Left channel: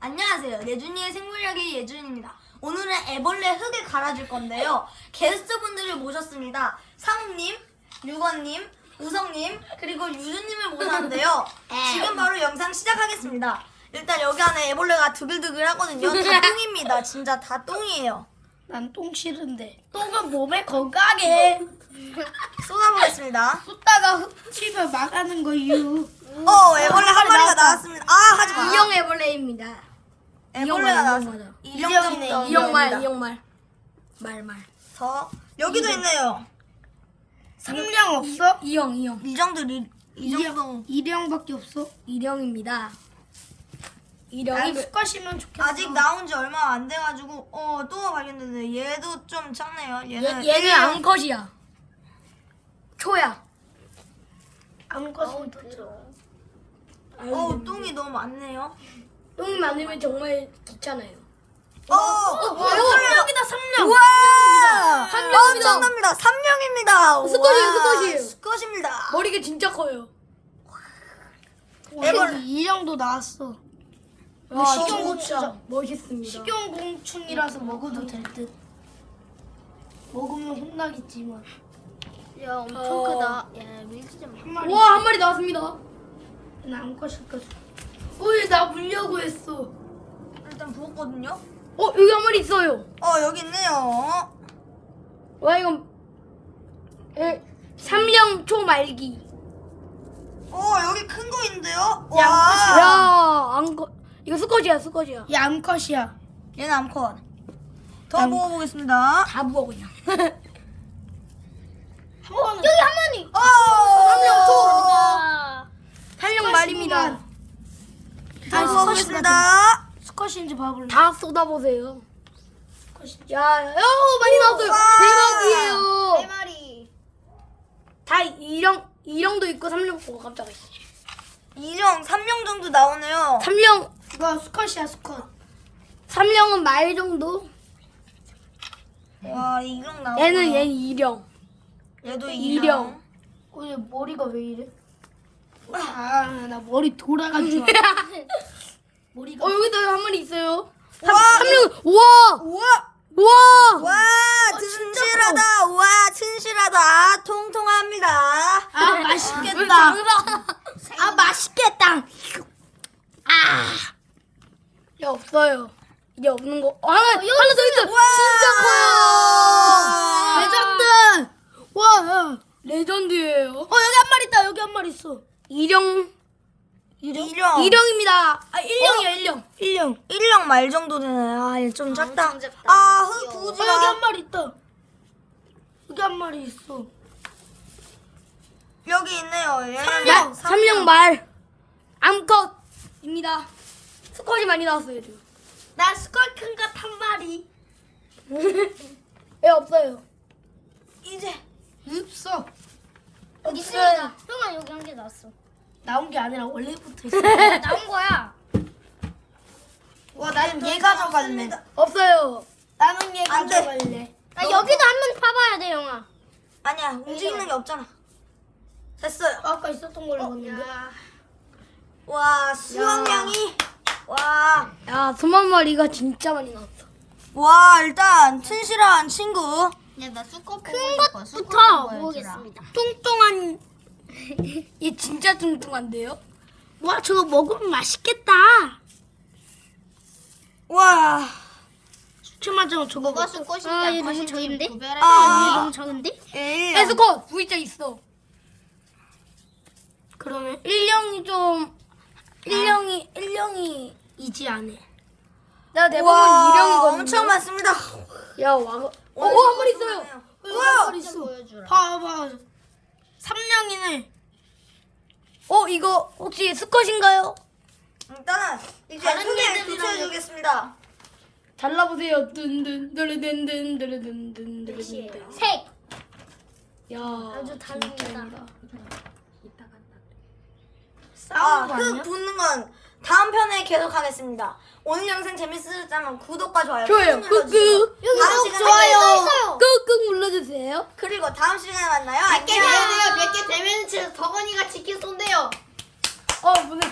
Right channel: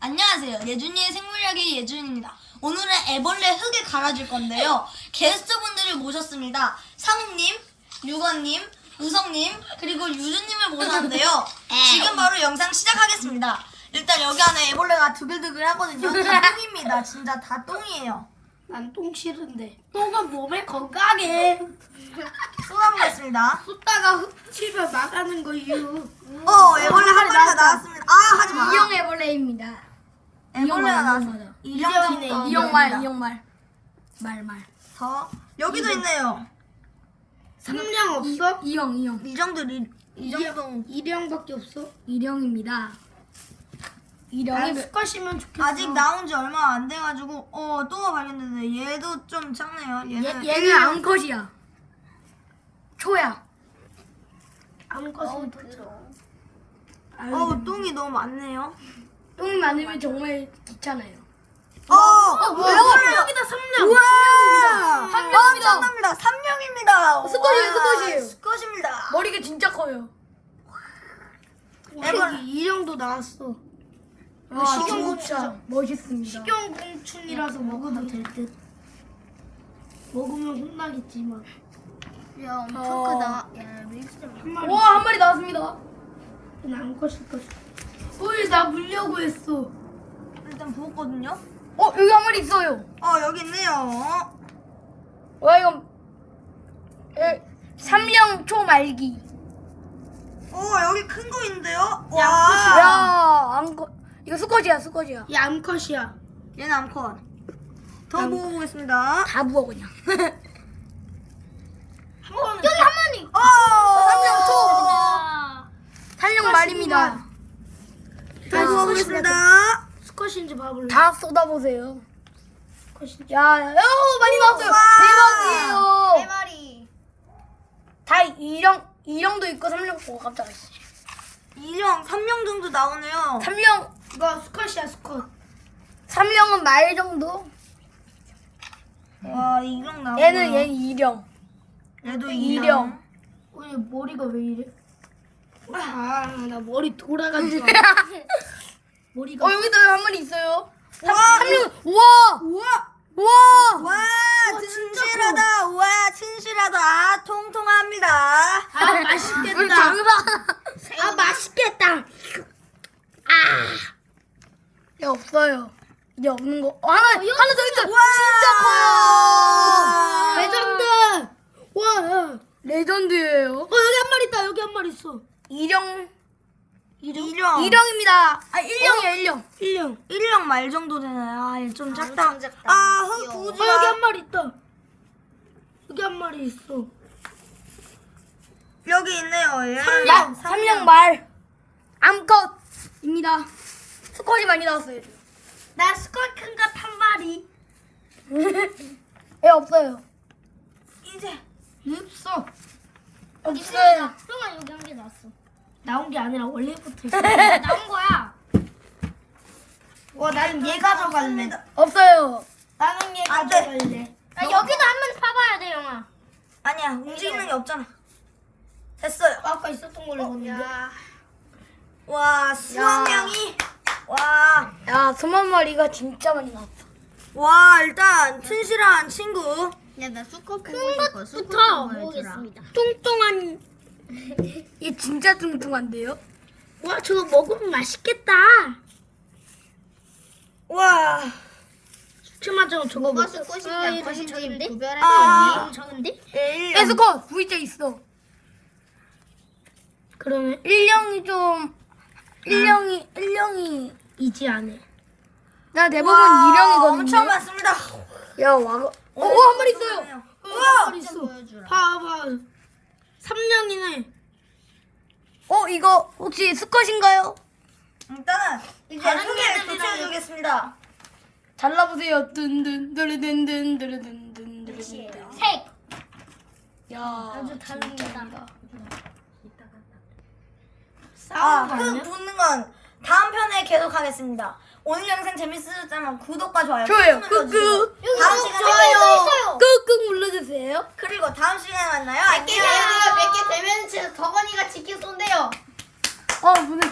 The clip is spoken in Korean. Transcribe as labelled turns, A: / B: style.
A: 안녕하세요. 예준이의 생물이야기 예준입니다. 오늘은 애벌레 흙을 갈아줄 건데요. 게스트분들을 모셨습니다. 상욱님, 유건님, 우성님, 그리고 유준님을 모셨는데요. 지금 바로 영상 시작하겠습니다. 일단 여기 안에 애벌레가 두글두글 하거든요. 다 똥입니다. 진짜 다 똥이에요.
B: 난 똥 싫은데 똥은 몸에 건강해.
A: 쏟아보겠습니다.
B: 쏟다가 흡집을 막아는 거유.
A: 애벌레 한 마리가 나왔습니다. 아, 하지마.
B: 이형 애벌레입니다.
A: 애벌레가 나왔어.
B: 이형이네. 이형말. 말.
A: 여기도 있네요.
B: 삼령 없어? 이형.
A: 이 정도.
B: 이령밖에 없어? 이령입니다. 이령이 수컷이면 좋겠어.
A: 아직 나온 지 얼마 안 돼가지고 또 발견됐네. 얘도 좀 작네요.
B: 얘는 암컷이야. 초야. 암컷은
A: 똥이 너무 많네요.
B: 똥이 많으면 정말 귀찮아요.
A: 삼령이다.
B: 삼령.
A: 우와!
B: 삼령이다.
A: 엄청납니다. 삼령입니다.
B: 수컷이에요.
A: 수컷입니다.
B: 머리가 진짜 커요. 이령도 나왔어. 식용곤충 멋있습니다. 식용곤충이라서 먹어도 될 듯. 먹으면 혼나겠지만.
C: 야 엄청 크다. 야 밀지 마.
B: 한 마리. 한 마리 나왔습니다. 암컷일 거지. 나 물려고 했어.
A: 일단 부었거든요.
B: 여기 한 마리 있어요.
A: 여기 있네요.
B: 와 이건 삼령 초말기.
A: 여기 큰 거 있는데요.
B: 야 암컷. 이거 수컷이야.
C: 얘 암컷이야.
A: 얘는 암컷. 더 모아보겠습니다.
B: 다 부어 그냥.
C: 여기 한 마리.
B: 삼령 말입니다.
A: 더 모아보겠습니다.
B: 수컷인지 봐볼래? 다 쏟아보세요. 야, 많이 나왔어요. 대박이에요.
C: 네 마리.
B: 다 이령도 있고 삼령. 깜짝이야.
A: 2령, 3령 정도 나오네요.
B: 삼령. 이거 수컷이야, 수컷. 삼령은 말 정도.
A: 와, 2령 나오고.
B: 얘는 이령.
A: 얘도
B: 2령.
A: 2령.
B: 얘 머리가 왜 이래? 나 머리 돌아가지고. 머리가. 여기도 한 마리 있어요. 삼령. 우와.
A: 와, 튼실하다. 와, 튼실하다. 통통합니다.
B: 맛있겠다. 맛있겠다. 야, 없어요. 이제 없는 거. 하나 더 있어. 진짜 커요. 레전드. 와, 레전드예요. 여기 한 마리 있다. 여기 한 마리 있어. 이령입니다. 1령이야.
A: 1령 말 정도 되네. 얘 좀 작다.
C: 엄청 작다.
A: 흙
C: 귀여워.
A: 부으지
B: 여기
A: 마.
B: 한 마리 있다. 여기 한 마리 있어.
A: 여기 있네요. 얘.
B: 삼령 말. 암컷입니다. 수컷이 많이 나왔어요. 지금.
C: 나 수컷 큰 것 한 마리.
B: 얘 없어요.
A: 이제
B: 없어.
C: 여기
B: 없어요.
C: 형아 여기 한 개 나왔어.
B: 나온 게 아니라 원래부터 있어.
C: 나온 거야.
A: 와, 나는 얘 가져갈래.
B: 없어요. 나는 얘
A: 안 돼.
B: 가져갈래.
C: 나 여기도 한 번 파봐야 돼 형아.
A: 아니야, 움직이는 게 없잖아. 됐어요.
B: 아까 있었던 걸로 봤는데.
A: 와, 수학량이. 와,
B: 야, 수만 마리가 진짜 많이 나왔어.
A: 와, 일단 튼실한 친구.
C: 야나 수컷 큰 것부터 보겠습니다.
B: 뚱뚱한. 얘 진짜 뚱뚱한데요? 와, 저거 먹으면 맛있겠다.
A: 와,
B: 수치마장 저거
C: 뭐가
B: 먹.
C: 수컷인지
B: 얘
C: 암컷인지 구별할
A: 아.
C: 수 있니? 적은데?
A: 1령.
B: 수컷 V자 있어. 그러면 1령이 좀 1령이이지 않아. 나 대부분
A: 와,
B: 2령이거든요.
A: 엄청 많습니다.
B: 야, 한 마리 있어요.
A: 우와.
B: 한 마리 있어.
C: 보여주라.
B: 봐봐. 3령이네. 이거 혹시 수컷인가요?
A: 일단은 이제
C: 다른
A: 흙에
C: 애들보다는-
A: 비춰주겠습니다.
B: 잘라보세요. 든든든든든든든든든.
C: 색.
B: 야,
C: 아주 다릅니다.
B: 싸우는 거
A: 흙
B: 아니야?
A: 붓는 건 다음 편에 계속 하겠습니다. 오늘 영상 재밌으셨다면 구독과 좋아요
B: 좋아요.
A: 꾹 눌러주시고
B: 꾹꾹.
A: 다음 시간에
B: 꾹꾹 눌러주세요.
A: 그리고 다음 시간에 만나요.
C: 100개 되면 덕원이가 치킨 쏜대요.
B: 무슨